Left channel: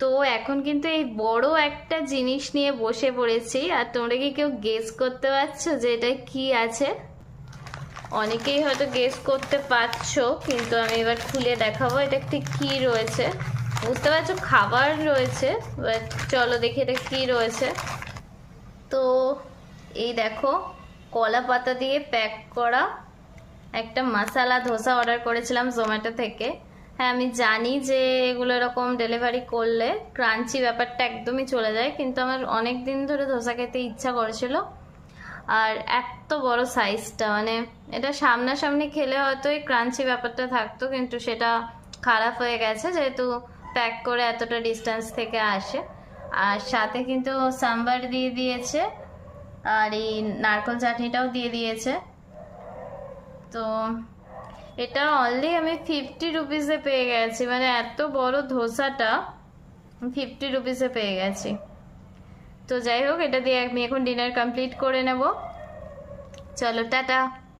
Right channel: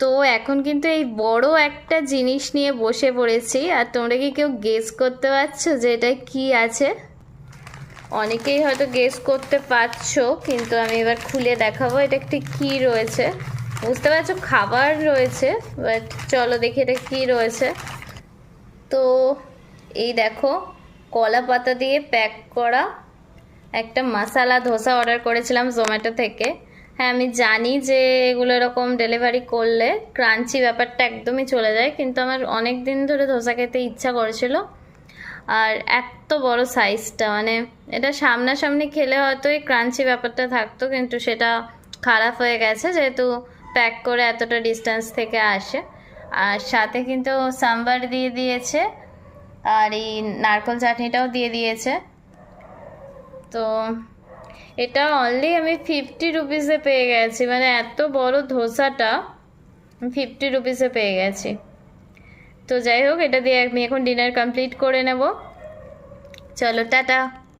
তো এখন কিন্তু এই বড় একটা জিনিস নিয়ে বসে পড়েছি, আর তোমরা কি কেউ গেস করতে পারছো যে এটা কি আছে? অনেকেই হয়তো গেস করতে পারছো, কিন্তু আমি এবার খুলে দেখাবো এটা ঠিক কি রয়েছে। বুঝতে পারছো খাবার রয়েছে, বাট চলো দেখি এটা কি রয়েছে। তো এই দেখো, কলা পাতা দিয়ে প্যাক করা একটা মশালা ধোসা অর্ডার করেছিলাম জোম্যাটো থেকে। হ্যাঁ আমি জানি যে এগুলো এরকম ডেলিভারি করলে ক্রাঞ্চি ব্যাপারটা একদমই চলে যায়, কিন্তু আমার অনেক দিন ধরে ধোসা খেতে ইচ্ছা করেছিল। আর এত বড় সাইজটা, মানে এটা সামনাসামনি খেলে হয়তো এই ক্রাঞ্চি ব্যাপারটা থাকতো, কিন্তু সেটা খারাপ হয়ে গেছে যেহেতু প্যাক করে এতটা ডিস্টেন্স থেকে আসে। আর সাথে কিন্তু সাম্বার দিয়ে দিয়েছে, আর এই নারকেল চাটনিটাও দিয়ে দিয়েছে। তো এটা অনলি আমি 50 রুপিসে পেয়ে গেছি, মানে এত বড় ধোসাটা 50 রুপিসে পেয়ে গেছি। তো যাই হোক, এটা দিয়ে আমি এখন ডিনার কমপ্লিট করে নেব। চলো টাটা।